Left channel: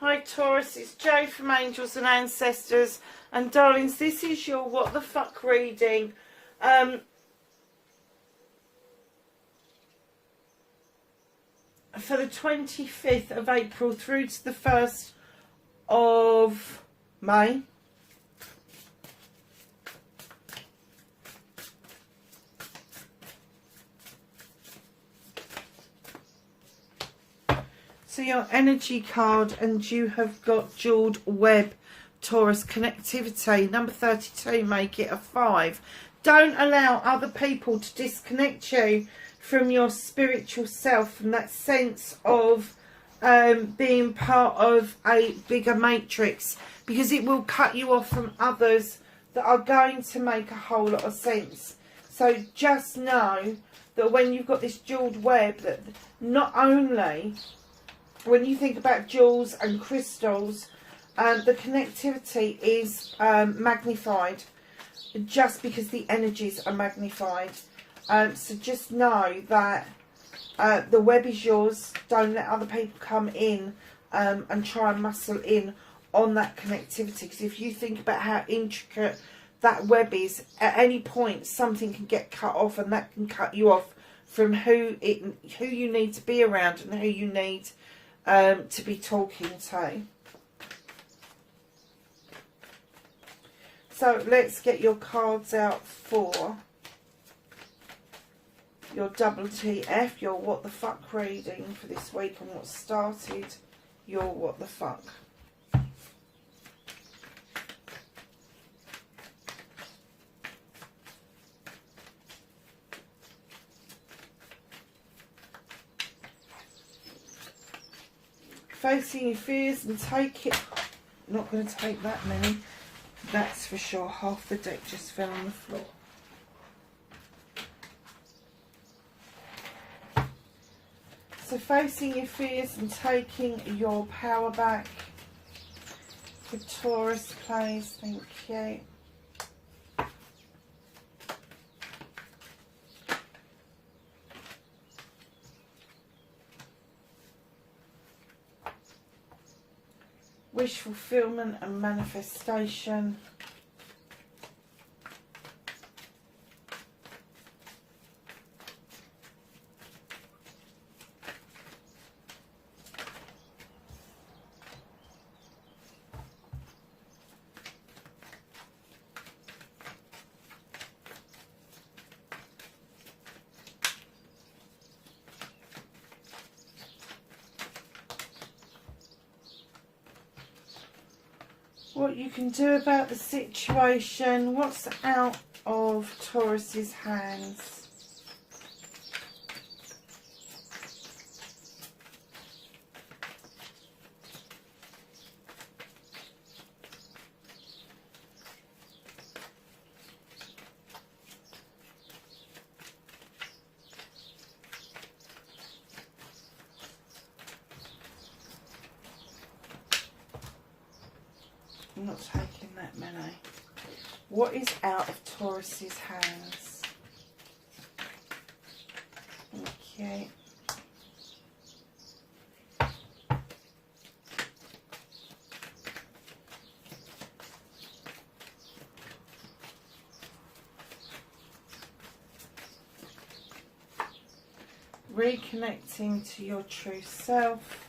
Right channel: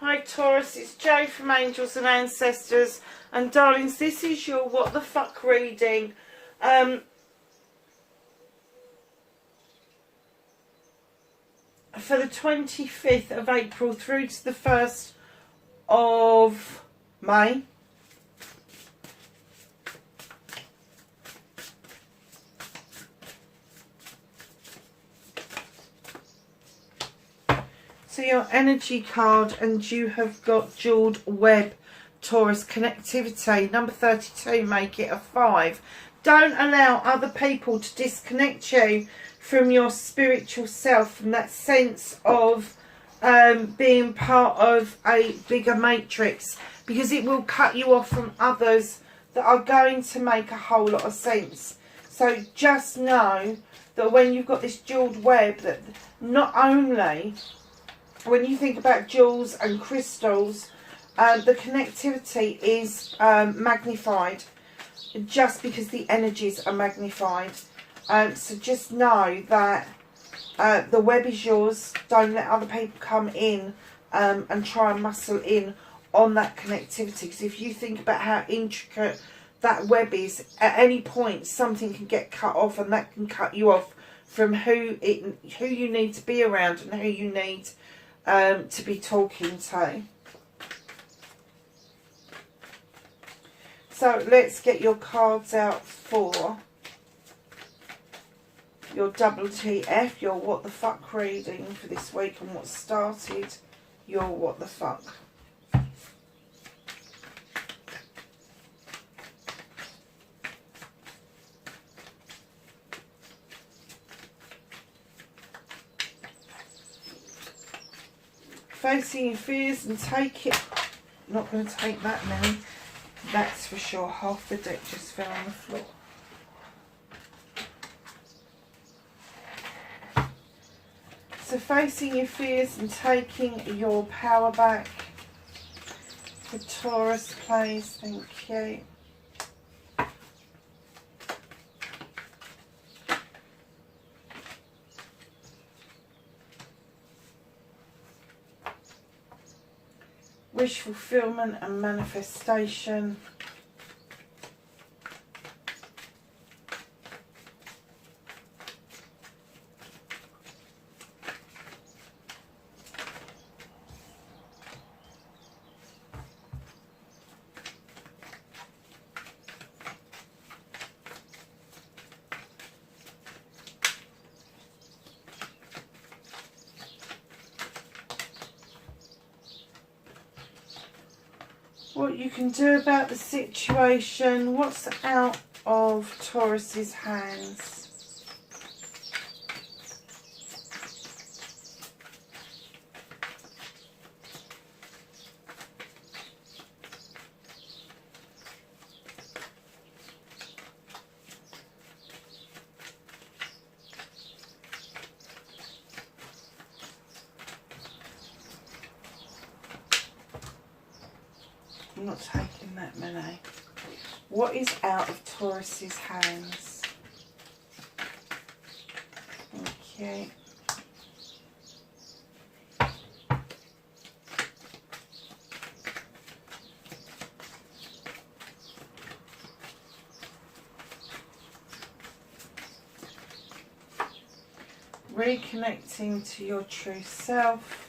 Hi Taurus, it's Jo from Angels and Ancestors, and darlings, this is your what the fuck reading. For the 25th of April through to the 1st of May. So your energy card, and you have got jeweled web, Taurus, connectivity. Number 32, make it a 5. Don't allow other people to disconnect you from your spiritual self, from that sense of being part of a bigger matrix, because it will cut you off from others that are going to make a whole lot of sense. So just know that when you've got this jeweled web, that not only when you think about jewels and crystals, the connectivity is magnified, just because the energies are magnified. So just know that the web is yours. Don't let other people come in and try and muscle in on that connectivity, because if you think about how intricate that web is, at any point something can get cut off, and that can cut you off from who you need to be around and who you need to be talking to. So let's get your cards out for your WTF, your what the fuck reading for this week, and what started your what the fuck. Facing your fears and take it. Not going to take that many, that's for sure. Half the deck just fell on the floor. So facing your fears and taking your power back for Taurus, please. Thank you. Wish fulfillment and manifestation. What you can do about the situation. What's out of Taurus's hands? I'm not taking that many. What is out of Taurus's hands? Okay. Reconnecting to your true self.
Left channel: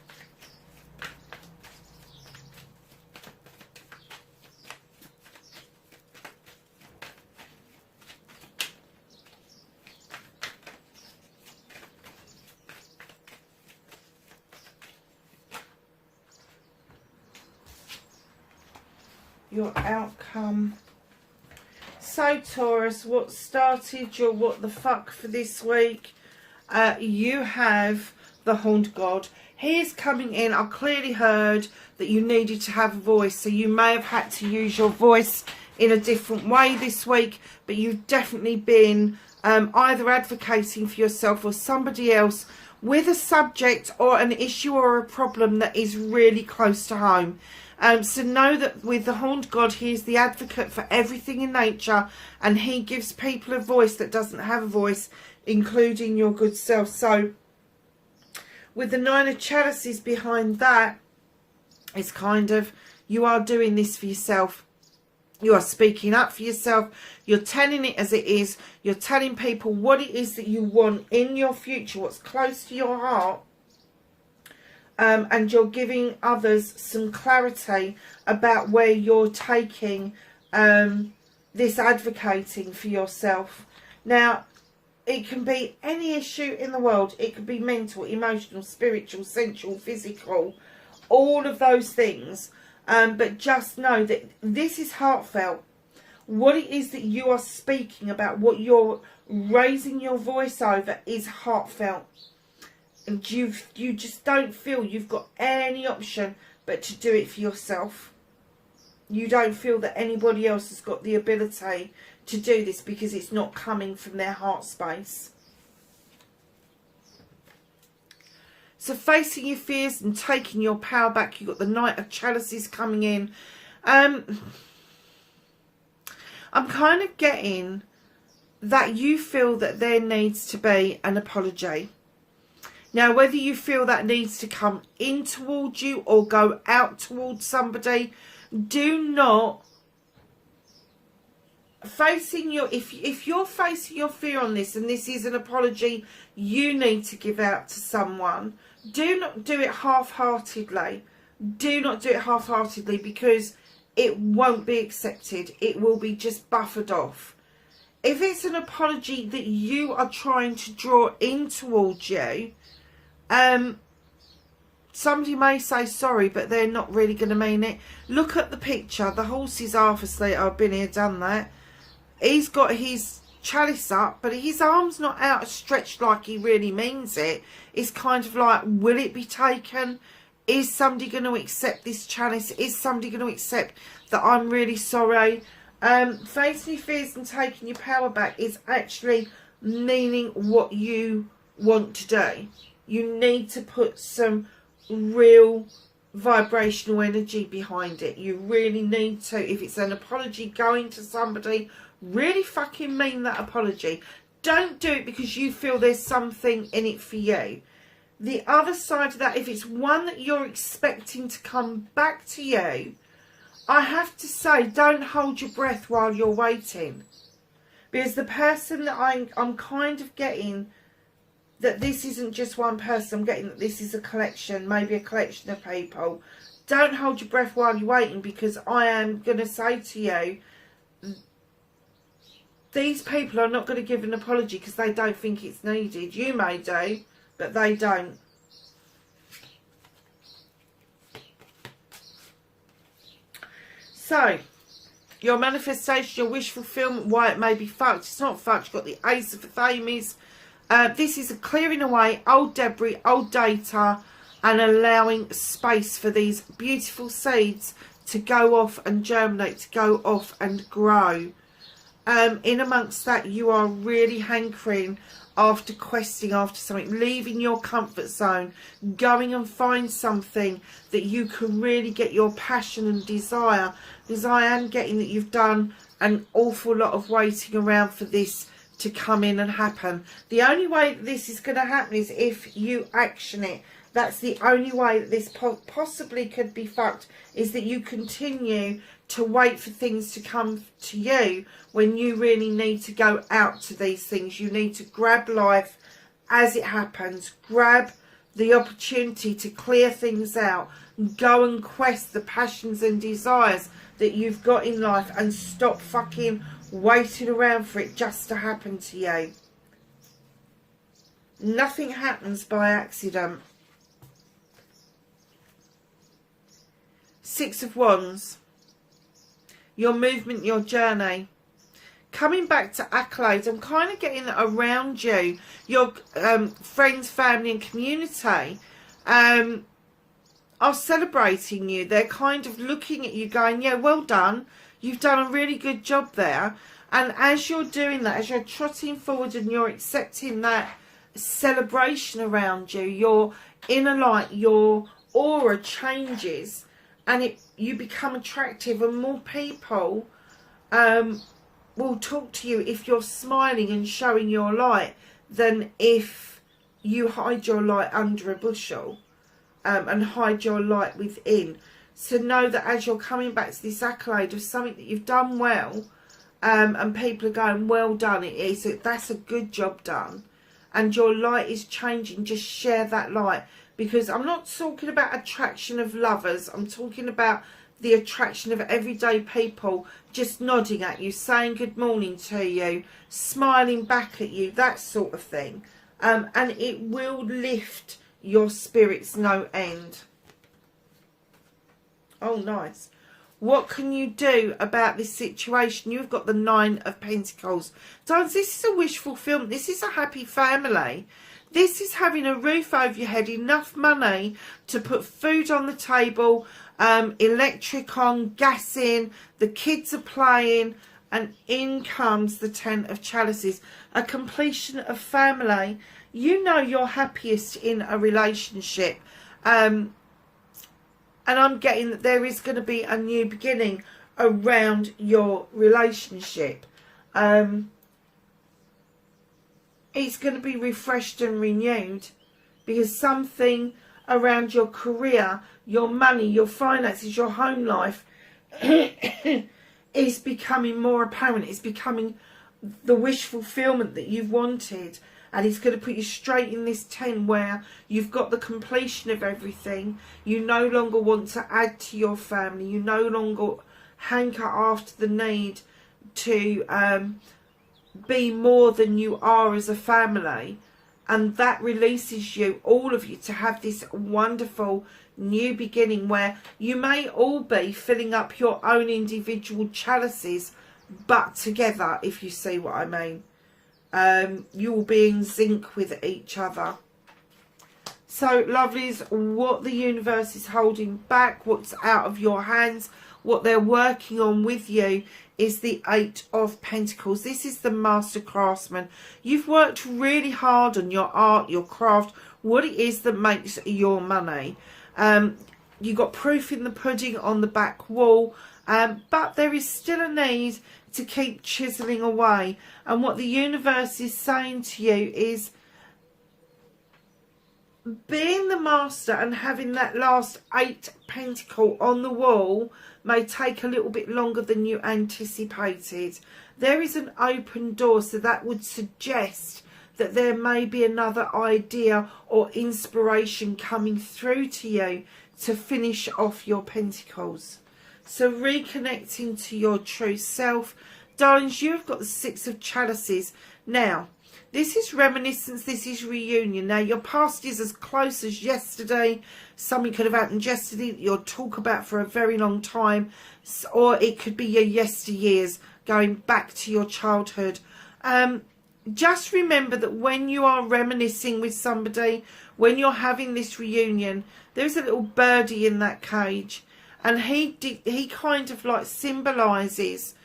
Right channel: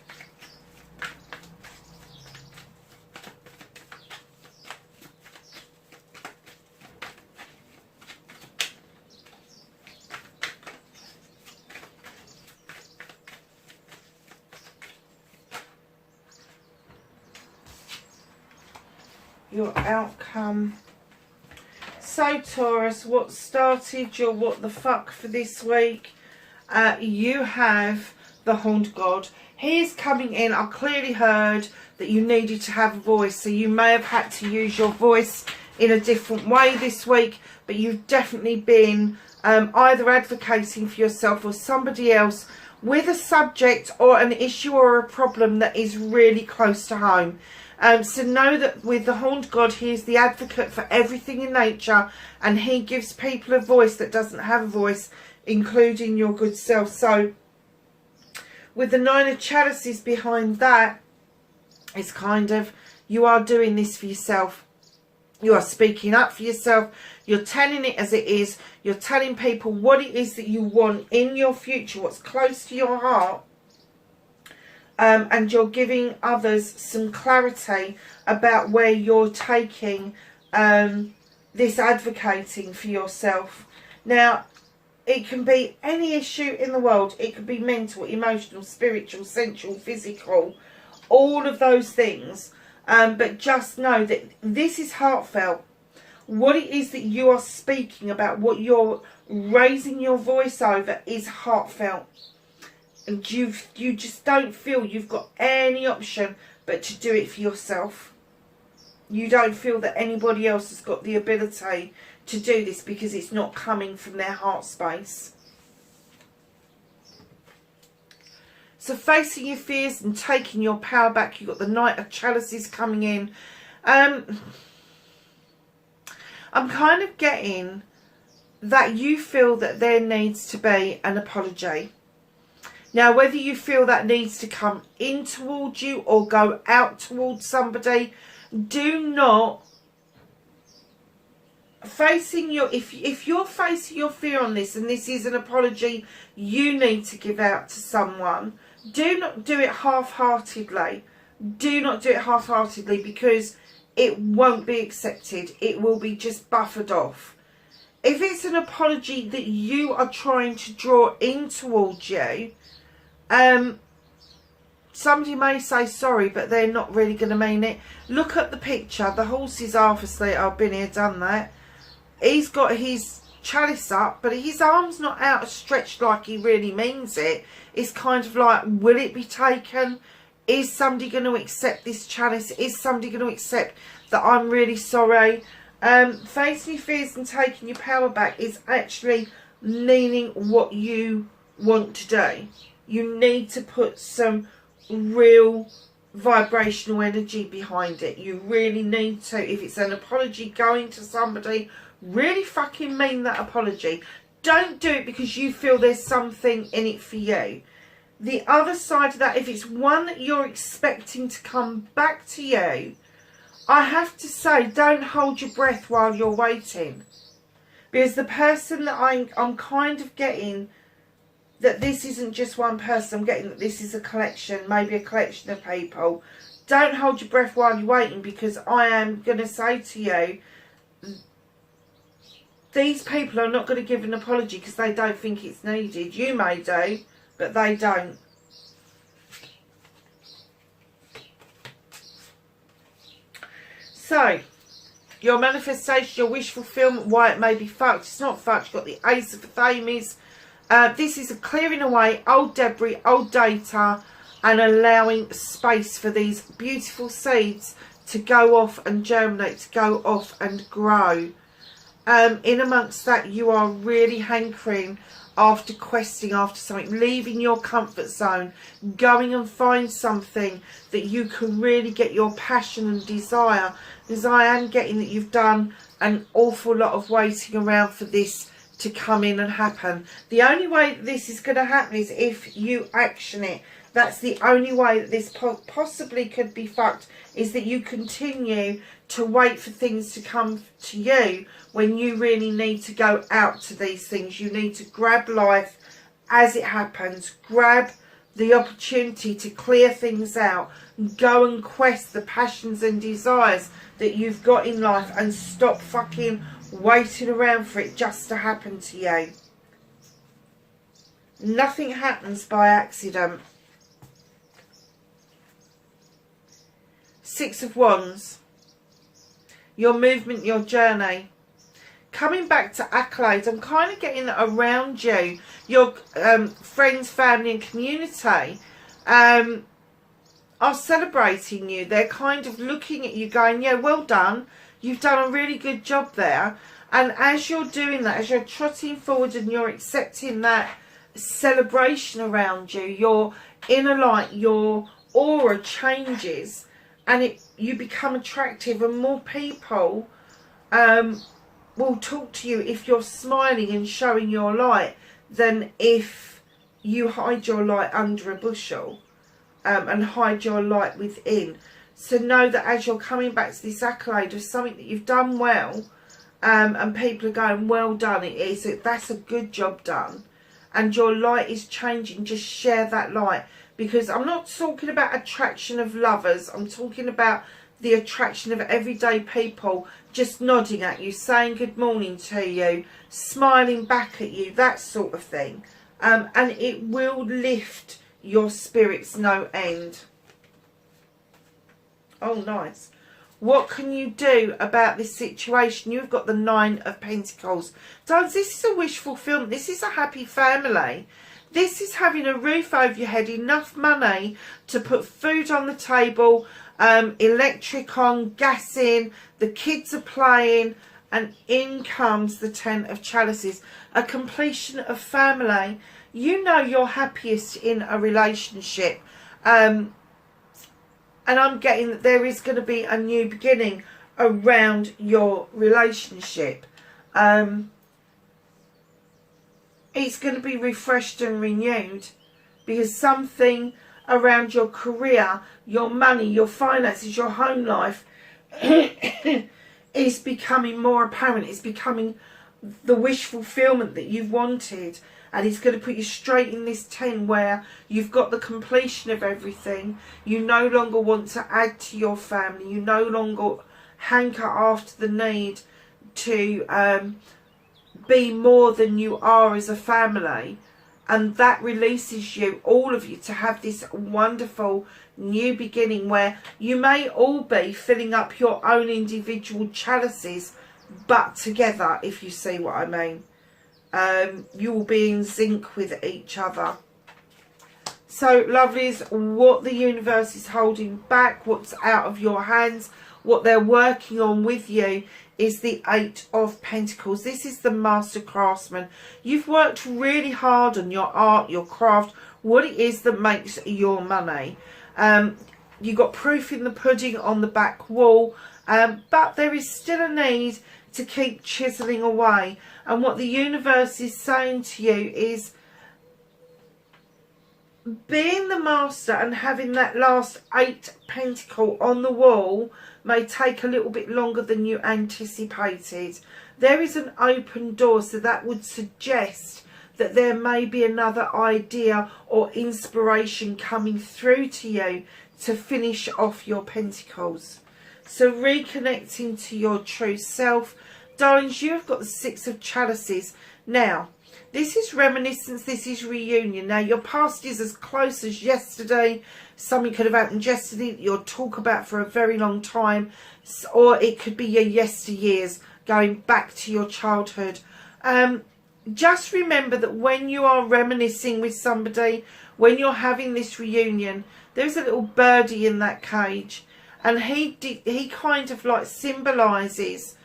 Your outcome. So Taurus, what started your what the fuck for this week? You have the Horned God. He is coming in. I clearly heard that you needed to have a voice, so you may have had to use your voice in a different way this week, but you've definitely been either advocating for yourself or somebody else with a subject or an issue or a problem that is really close to home. So know that with the Horned God, he is the advocate for everything in nature, and he gives people a voice that doesn't have a voice, including your good self. So with the Nine of Chalices behind that, It's kind of, you are doing this for yourself. You are speaking up for yourself. You're telling it as it is. You're telling people what it is that you want in your future, what's close to your heart. And you're giving others some clarity about where you're taking this advocating for yourself. Now, it can be any issue in the world. It could be mental, emotional, spiritual, sensual, physical, all of those things. But just know that this is heartfelt. What it is that you are speaking about, what you're raising your voice over, is heartfelt. And you just don't feel you've got any option but to do it for yourself. You don't feel that anybody else has got the ability to do this because it's not coming from their heart space. So facing your fears and taking your power back, you've got the Knight of Chalices coming in. I'm kind of getting that you feel that there needs to be an apology. Now, whether you feel that needs to come in towards you or go out towards somebody, do not facing your, if you're facing your fear on this and this is an apology you need to give out to someone, do not do it half-heartedly. Do not do it half-heartedly, because it won't be accepted. It will be just buffered off. If it's an apology that you are trying to draw in towards you, somebody may say sorry, but they're not really going to mean it. Look at the picture. The horse is half asleep. I've been here, done that. He's got his chalice up, but his arm's not outstretched like he really means it. It's kind of like, will it be taken? Is somebody going to accept this chalice? Is somebody going to accept that I'm really sorry? Facing your fears and taking your power back is actually meaning what you want to do. You need to put some real vibrational energy behind it. You really need to. If it's an apology going to somebody, really fucking mean that apology. Don't do it because you feel there's something in it for you. The other side of that, if it's one that you're expecting to come back to you, I have to say, don't hold your breath while you're waiting. Because the person that I'm kind of getting, that this isn't just one person, I'm getting that this is a collection, maybe a collection of people. Don't hold your breath while you're waiting, because I am going to say to you, these people are not going to give an apology because they don't think it's needed. You may do, but they don't. So, your manifestation, your wish fulfillment, why it may be fucked. It's not fucked. You've got the Ace of Thames. This is a clearing away old debris, old data, and allowing space for these beautiful seeds to go off and germinate, to go off and grow. In amongst that, you are really hankering after questing after something, leaving your comfort zone, going and find something that you can really get your passion and desire. Because I am getting that you've done an awful lot of waiting around for this to come in and happen. The only way that this is going to happen is if you action it. That's the only way that this possibly could be fucked, is that you continue to wait for things to come to you when you really need to go out to these things. You need to grab life as it happens. Grab the opportunity to clear things out. Go and quest the passions and desires that you've got in life, and stop fucking waiting around for it just to happen to you. Nothing happens by accident. Six of Wands. Your movement, your journey. Coming back to accolades, I'm kind of getting that around you, your friends, family and community are celebrating you. They're kind of looking at you going, yeah, well done. You've done a really good job there. And as you're doing that, as you're trotting forward and you're accepting that celebration around you, your inner light, your aura changes, and you become attractive, and more people will talk to you if you're smiling and showing your light than if you hide your light under a bushel and hide your light within. So know that as you're coming back to this accolade of something that you've done well, and people are going, well done, that's a good job done, and your light is changing, just share that light. Because I'm not talking about attraction of lovers, I'm talking about the attraction of everyday people just nodding at you, saying good morning to you, smiling back at you, that sort of thing. And it will lift your spirits no end. Oh, nice. What can you do about this situation? You've got the 9 of Pentacles. Darlings, this is a wish fulfillment. This is a happy family. This is having a roof over your head, enough money to put food on the table, electric on, gas in, the kids are playing, and in comes the 10 of Chalices. A completion of family. You know you're happiest in a relationship. And I'm getting that there is going to be a new beginning around your relationship. It's going to be refreshed and renewed, because something around your career, your money, your finances, your home life is becoming more apparent. It's becoming the wish fulfillment that you've wanted. And it's going to put you straight in this 10 where you've got the completion of everything. You no longer want to add to your family. You no longer hanker after the need to be more than you are as a family. And that releases you, all of you, to have this wonderful new beginning where you may all be filling up your own individual chalices, but together, if you see what I mean. You will be in sync with each other. So, lovelies, what the universe is holding back, what's out of your hands, what they're working on with you, is the 8 of Pentacles. This is the master craftsman. You've worked really hard on your art, your craft, what it is that makes your money. You got proof in the pudding on the back wall, but there is still a need to keep chiseling away. And what the universe is saying to you is, being the master and having that last 8 pentacle on the wall may take a little bit longer than you anticipated. There is an open door, so that would suggest that there may be another idea or inspiration coming through to you to finish off your pentacles. So reconnecting to your true self. Darlings, you've got the 6 of Chalices. Now, this is reminiscence, this is reunion. Now, your past is as close as yesterday. Something could have happened yesterday that you'll talk about for a very long time. Or it could be your yesteryears, going back to your childhood. Just remember that when you are reminiscing with somebody, when you're having this reunion, there's a little birdie in that cage. And he kind of like symbolises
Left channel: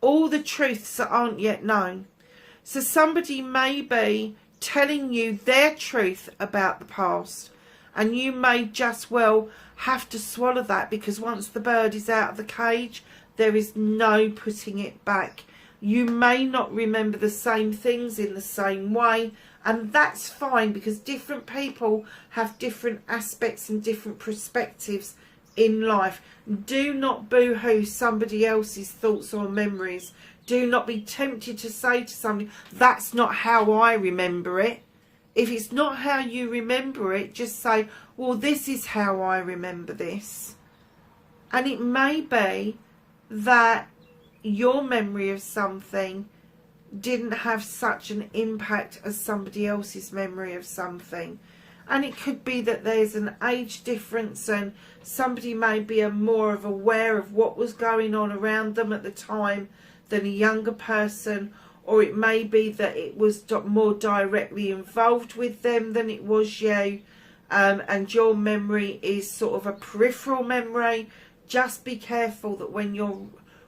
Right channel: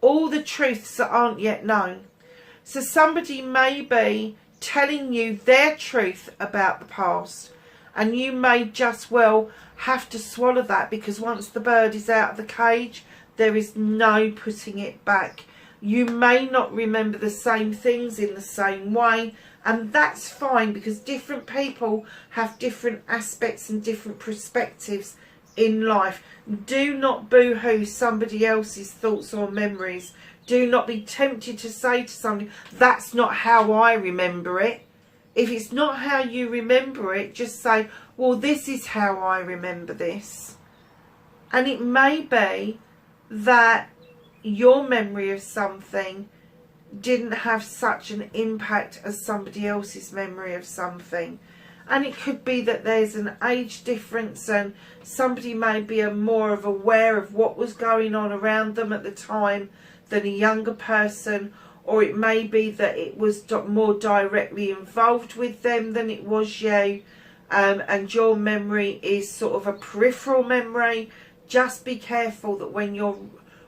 all the truths that aren't yet known. So somebody may be telling you their truth about the past, and you may just well have to swallow that, because once the bird is out of the cage, there is no putting it back. You may not remember the same things in the same way, and that's fine, because different people have different aspects and different perspectives in life. Do not boo-hoo somebody else's thoughts or memories. Do not be tempted to say to somebody, that's not how I remember it. If it's not how you remember it, just say, well, this is how I remember this. And it may be that your memory of something didn't have such an impact as somebody else's memory of something. And it could be that there's an age difference, and somebody may be more of aware of what was going on around them at the time than a younger person. Or it may be that it was more directly involved with them than it was you. And your memory is sort of a peripheral memory. Just be careful that when you're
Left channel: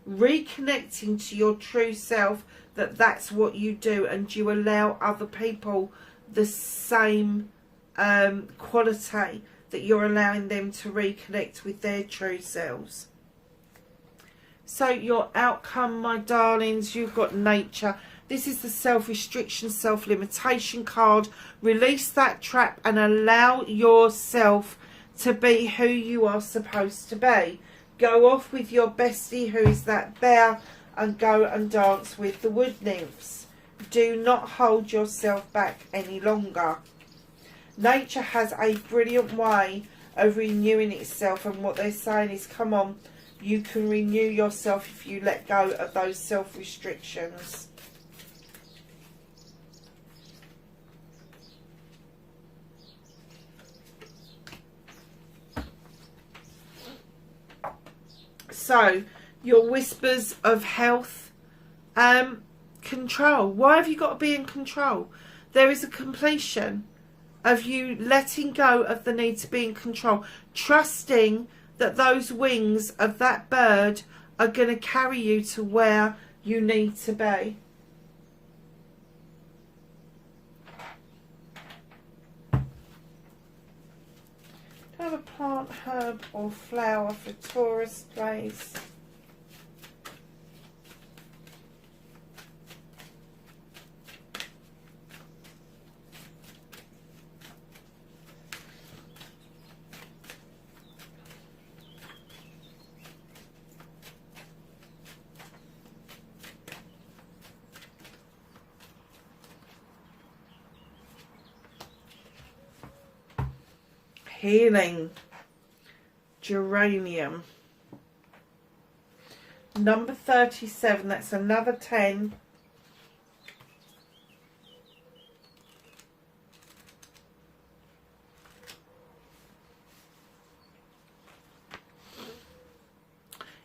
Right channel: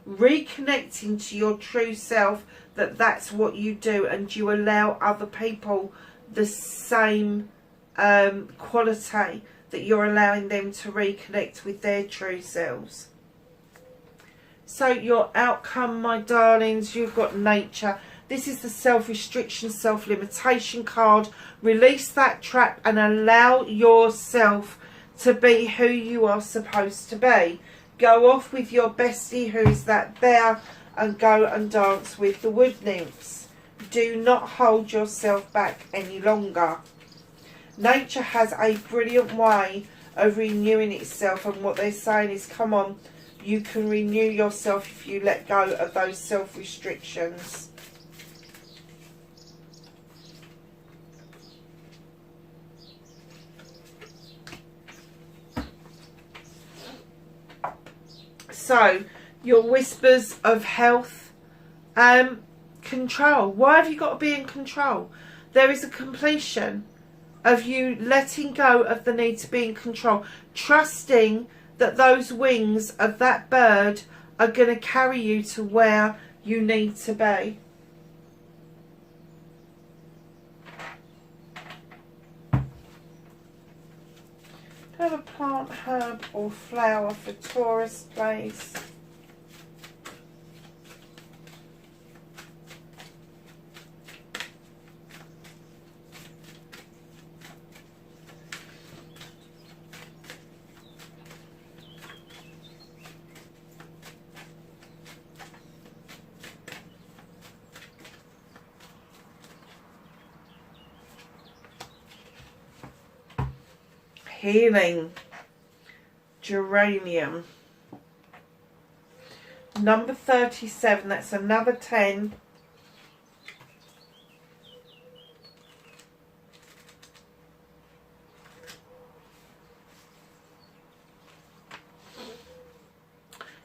reconnecting to your true self, that that's what you do, and you allow other people the same quality that you're allowing them to reconnect with their true selves. So your outcome, my darlings, you've got nature. This is the self-restriction, self-limitation card. Release that trap and allow yourself to be who you are supposed to be. Go off with your bestie, who is that bear, and go and dance with the wood nymphs. Do not hold yourself back any longer. Nature has a brilliant way of renewing itself, and what they're saying is, come on, you can renew yourself if you let go of those self-restrictions. So, your whispers of health, control. Why have you got to be in control? There is a completion of you letting go of the need to be in control, trusting that those wings of that bird are going to carry you to where you need to be. Have a plant, herb or flower for Taurus, please. Healing, geranium. Number 37, that's another 10.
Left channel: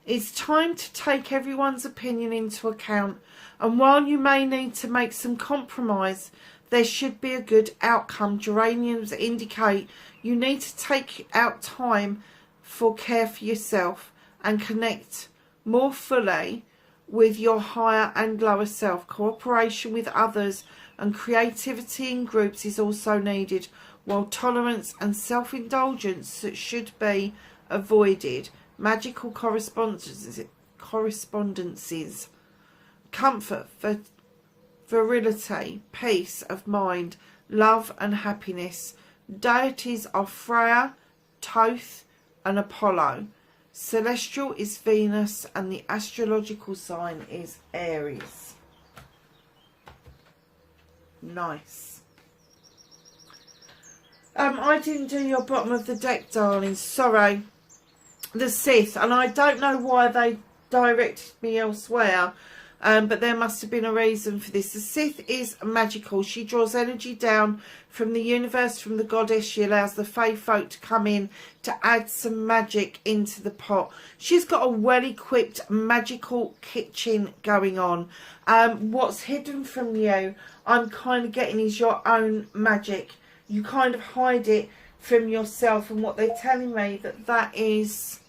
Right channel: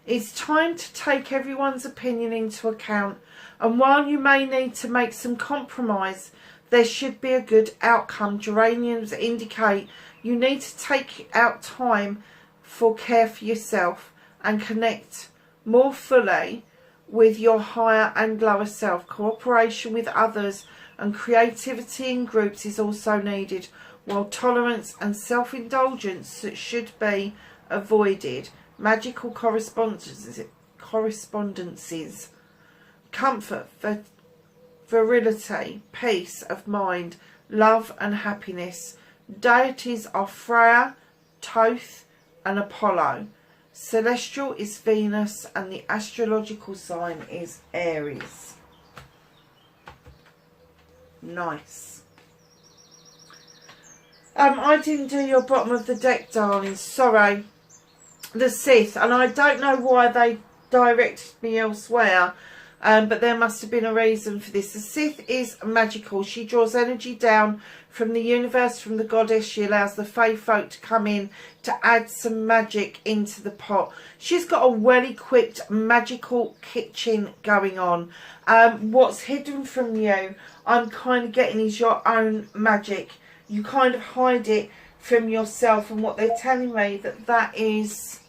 It's time to take everyone's opinion into account, and while you may need to make some compromise, there should be a good outcome. Geraniums indicate you need to take out time for care for yourself and connect more fully with your higher and lower self. Cooperation with others and creativity in groups is also needed, while tolerance and self-indulgence should be avoided. Magical correspondences, comfort, virility, peace of mind, love and happiness. Deities are Freya, Thoth and Apollo. Celestial is Venus, and the astrological sign is Aries. Nice. I didn't do your bottom of the deck, darling. Sorry. The Sith, and I don't know why they directed me elsewhere. But there must have been a reason for this. The Sith is magical. She draws energy down from the universe, from the goddess. She allows the fae folk to come in to add some magic into the pot. She's got a well-equipped magical kitchen going on. What's hidden from you, I'm kind of getting, is your own magic. You kind of hide it from yourself, and what they're telling me, that is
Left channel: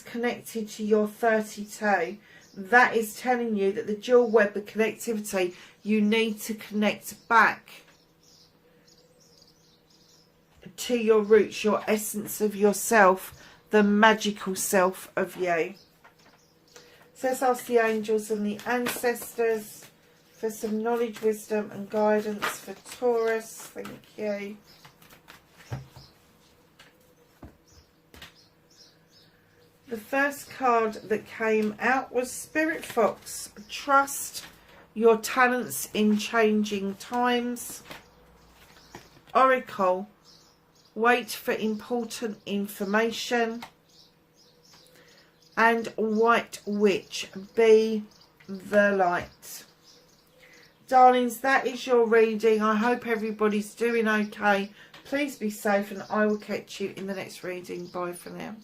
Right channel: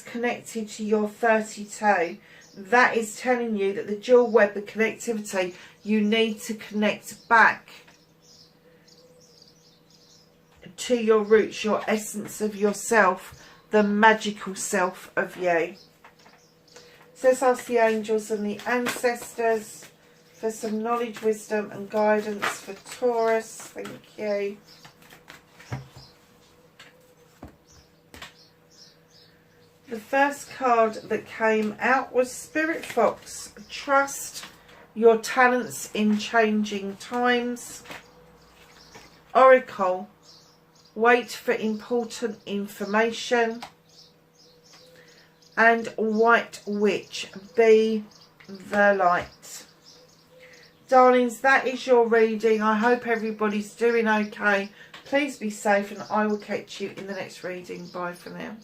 connected to your 32. That is telling you that the dual web, the connectivity, you need to connect back to your roots, your essence of yourself, the magical self of you. So let's ask the angels and the ancestors for some knowledge, wisdom and guidance for Taurus. Thank you. The first card that came out was Spirit Fox. Trust your talents in changing times. Oracle. Wait for important information. And White Witch. Be the light. Darlings, that is your reading. I hope everybody's doing okay. Please be safe, and I will catch you in the next reading. Bye for now.